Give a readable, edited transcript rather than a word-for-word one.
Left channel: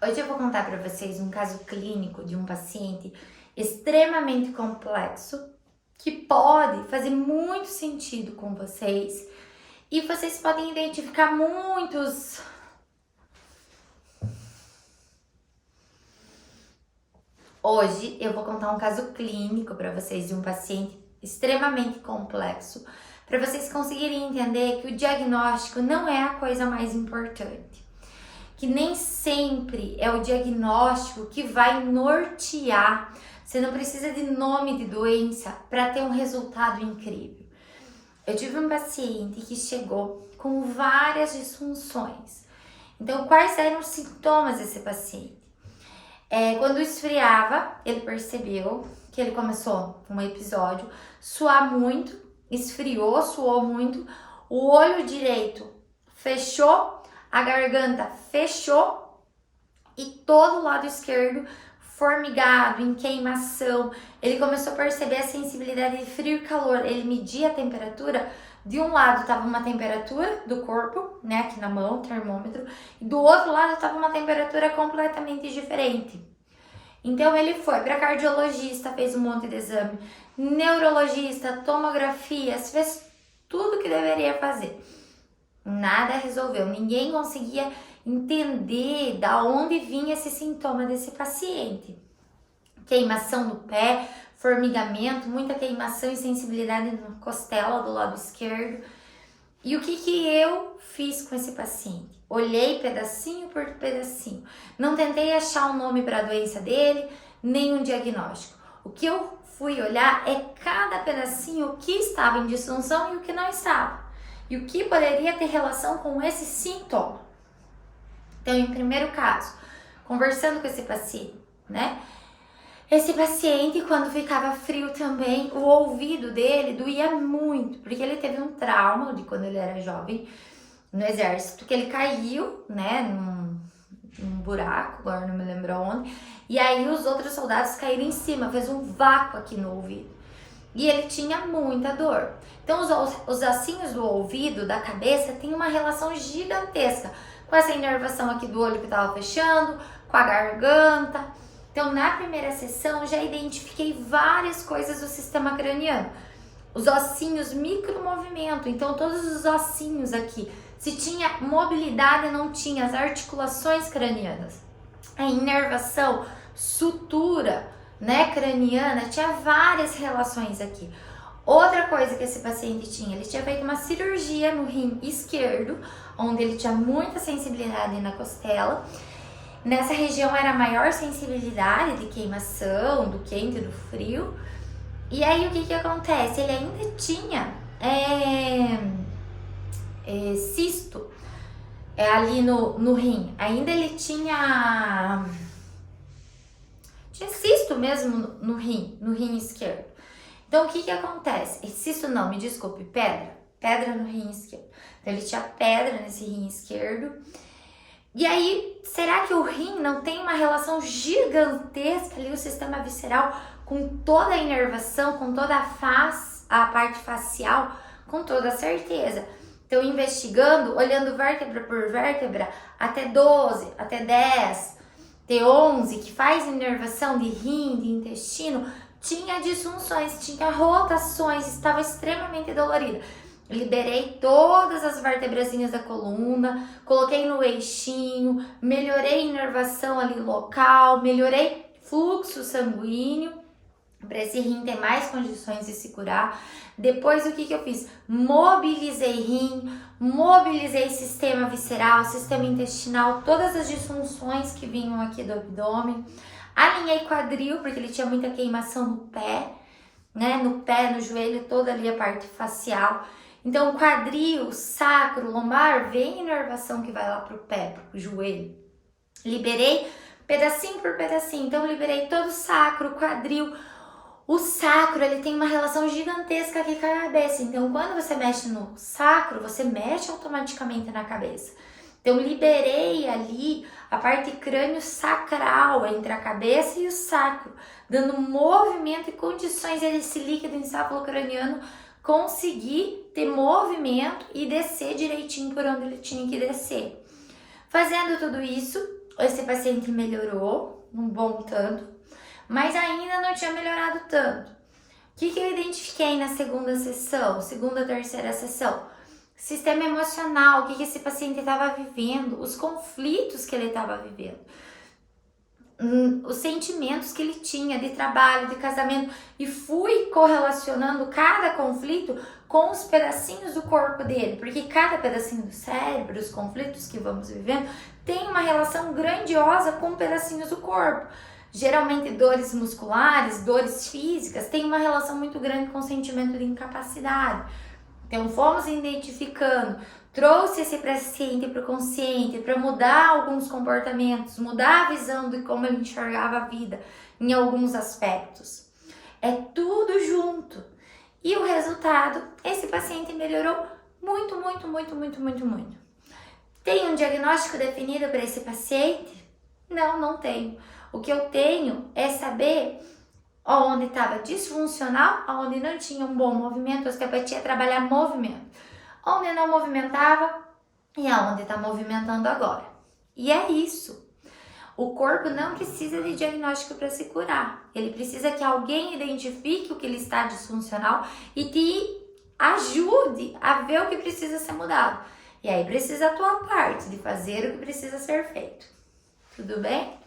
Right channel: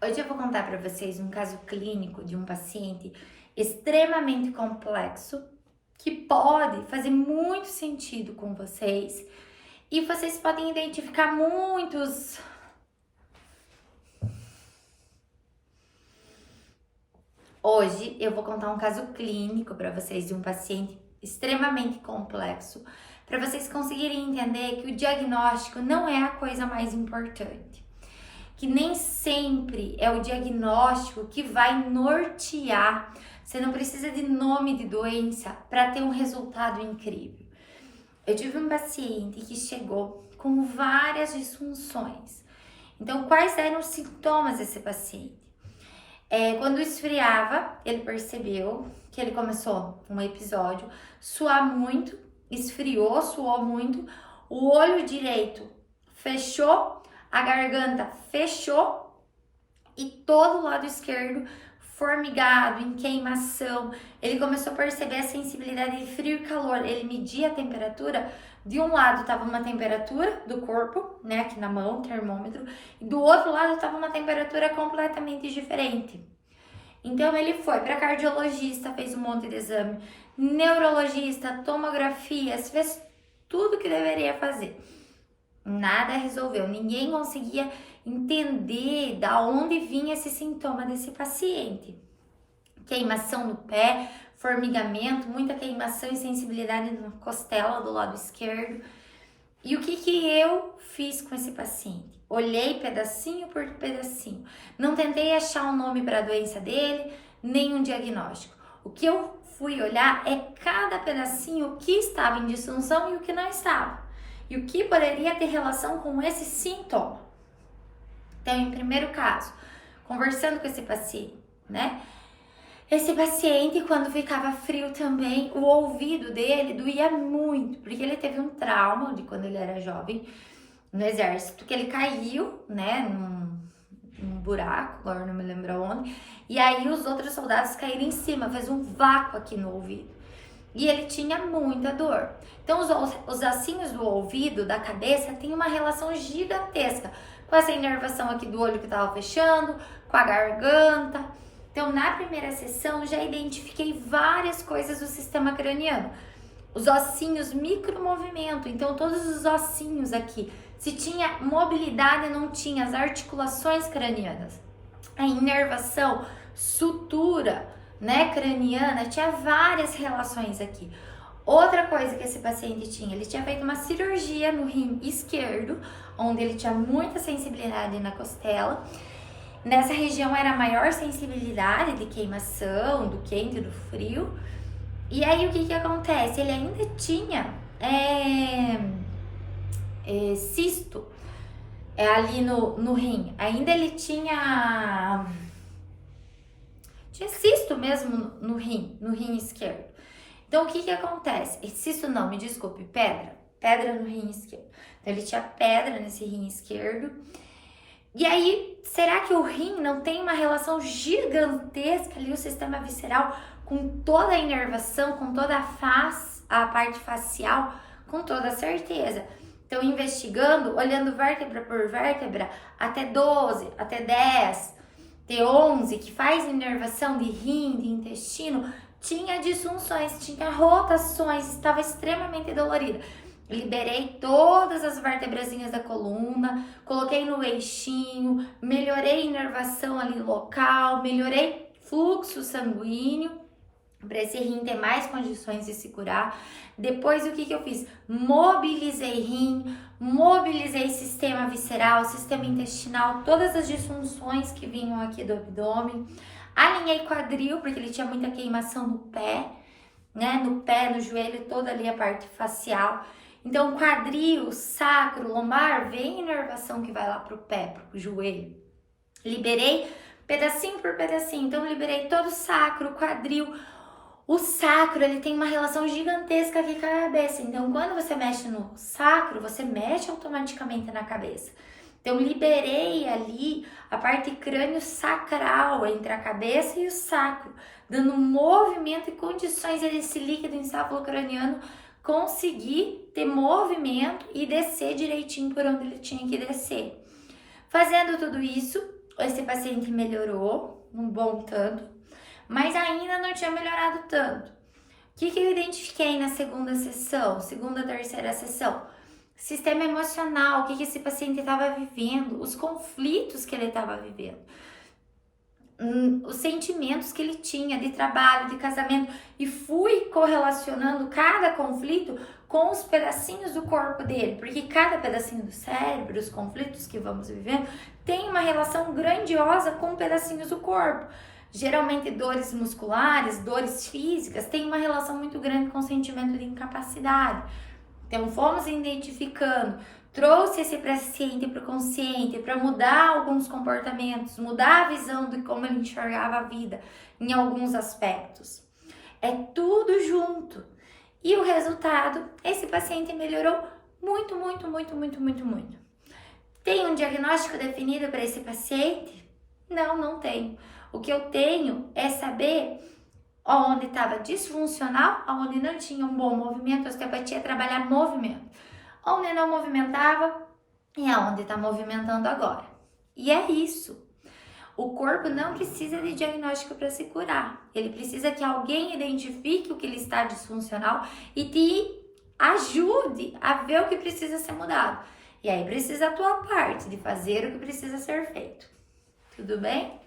Hoje eu vou contar para vocês um caso clínico de um paciente extremamente complexo que pode fazer muito sentido com vocês e vocês podem identificar muitos. Hoje eu vou contar um caso clínico para vocês de um paciente extremamente complexo, para vocês conseguirem entender que o diagnóstico não é a coisa mais importante. Que nem sempre é o diagnóstico que vai nortear. Você não precisa de nome de doença para ter um resultado incrível. Eu tive um paciente que chegou com várias disfunções. Então, quais eram os sintomas desse paciente? Quando esfriava, ele percebeu que ele começou um episódio, suar muito, esfriou, suou muito, o olho direito fechou, a garganta fechou e todo o lado esquerdo formigado, em queimação. Ele começou a perceber a sensibilidade de frio e calor. Ele media a temperatura. De um lado estava uma temperatura do corpo, né, aqui na mão, termômetro, e do outro lado estava uma temperatura completamente diferente. Então ele foi para cardiologista, fez um monte de exame, neurologista, tomografias, fez tudo que deveria fazer. Nada resolveu, ninguém conseguia entender da onde vinha esse sintoma desse paciente. Queimação no pé, formigamento, muita queimação e sensibilidade na costela do lado esquerdo. E o que eu fiz com esse paciente? Olhei pedacinho por pedacinho. Não tentei achar um nome para a doença dele, nem um diagnóstico. O que eu fui olhar é cada pedacinho, o que estava em disfunção e o que não estava. E o que poderia ter relação com esse sintoma. Então, em primeiro caso, conversando com esse paciente, né? Esse paciente, quando ficava frio também, o ouvido dele doía muito, porque ele teve um trauma de quando ele era jovem no exército, que ele caiu, né, num buraco, agora não me lembro onde, e aí os outros soldados caíram em cima, fez um vácuo aqui no ouvido. E ele tinha muita dor. Então, os ossinhos do ouvido, da cabeça, tem uma relação gigantesca com essa inervação aqui do olho que estava fechando, com a garganta. Então, na primeira sessão, já identifiquei várias coisas do sistema craniano. Os ossinhos micromovimento, então todos os ossinhos aqui. Se tinha mobilidade, não tinha as articulações cranianas. A inervação, sutura, né, craniana, tinha várias relações aqui. Outra coisa que esse paciente tinha, ele tinha feito uma cirurgia no rim esquerdo, onde ele tinha muita sensibilidade na costela. Nessa região era maior sensibilidade de queimação, do quente, do frio. E aí o que acontece? Ele ainda tinha cisto ali no rim. Ainda ele tinha cisto mesmo no rim esquerdo. Então o que acontece? Cisto não, me desculpe, pedra no rim esquerdo. Então ele tinha pedra nesse rim esquerdo. E aí, será que o rim não tem uma relação gigantesca ali, o sistema visceral, com toda a inervação, com toda a parte facial? Com toda certeza. Então, investigando, olhando vértebra por vértebra, até 12, até 10, T11, que faz inervação de rim, de intestino, tinha disfunções, tinha rotações, estava extremamente dolorida. Liberei todas as vértebrazinhas da coluna, coloquei no eixinho, melhorei a inervação ali local, melhorei fluxo sanguíneo para esse rim ter mais condições de se curar. Depois o que eu fiz? Mobilizei rim, mobilizei sistema visceral, sistema intestinal, todas as disfunções que vinham aqui do abdômen. Alinhei quadril, porque ele tinha muita queimação no pé, né? No pé, no joelho, toda ali a parte facial. Então, quadril, sacro, lombar, vem inervação que vai lá pro pé, pro joelho. Liberei pedacinho por pedacinho. Então, liberei todo o sacro, quadril. O sacro, ele tem uma relação gigantesca aqui com a cabeça. Então, quando você mexe no sacro, você mexe automaticamente na cabeça. Então, liberei ali a parte crânio-sacral entre a cabeça e o sacro, dando movimento e condições desse líquido encefalocraniano conseguir ter movimento e descer direitinho por onde ele tinha que descer. Fazendo tudo isso, esse paciente melhorou um bom tanto, mas ainda não tinha melhorado tanto. O que eu identifiquei na segunda sessão, segunda, terceira sessão? Sistema emocional, o que esse paciente estava vivendo, os conflitos que ele estava vivendo, os sentimentos que ele tinha de trabalho, de casamento, e fui correlacionando cada conflito com os pedacinhos do corpo dele, porque cada pedacinho do cérebro, os conflitos que vamos vivendo, tem uma relação grandiosa com pedacinhos do corpo. Geralmente dores musculares, dores físicas, tem uma relação muito grande com o sentimento de incapacidade. Então fomos identificando, trouxe esse paciente para o consciente para mudar alguns comportamentos, mudar a visão de como ele enxergava a vida em alguns aspectos. É tudo junto. E o resultado, esse paciente melhorou muito, muito, muito, muito, muito, muito. Tem um diagnóstico definido para esse paciente? Não, não tenho. O que eu tenho é saber onde estava disfuncional, onde não tinha um bom movimento. A osteopatia é trabalhar movimento. Onde não movimentava e aonde está movimentando agora. E é isso. O corpo não precisa de diagnóstico para se curar. Ele precisa que alguém identifique o que ele está disfuncional e te ajude a ver o que precisa ser mudado. E aí precisa a tua parte de fazer o que precisa ser feito. Tudo bem?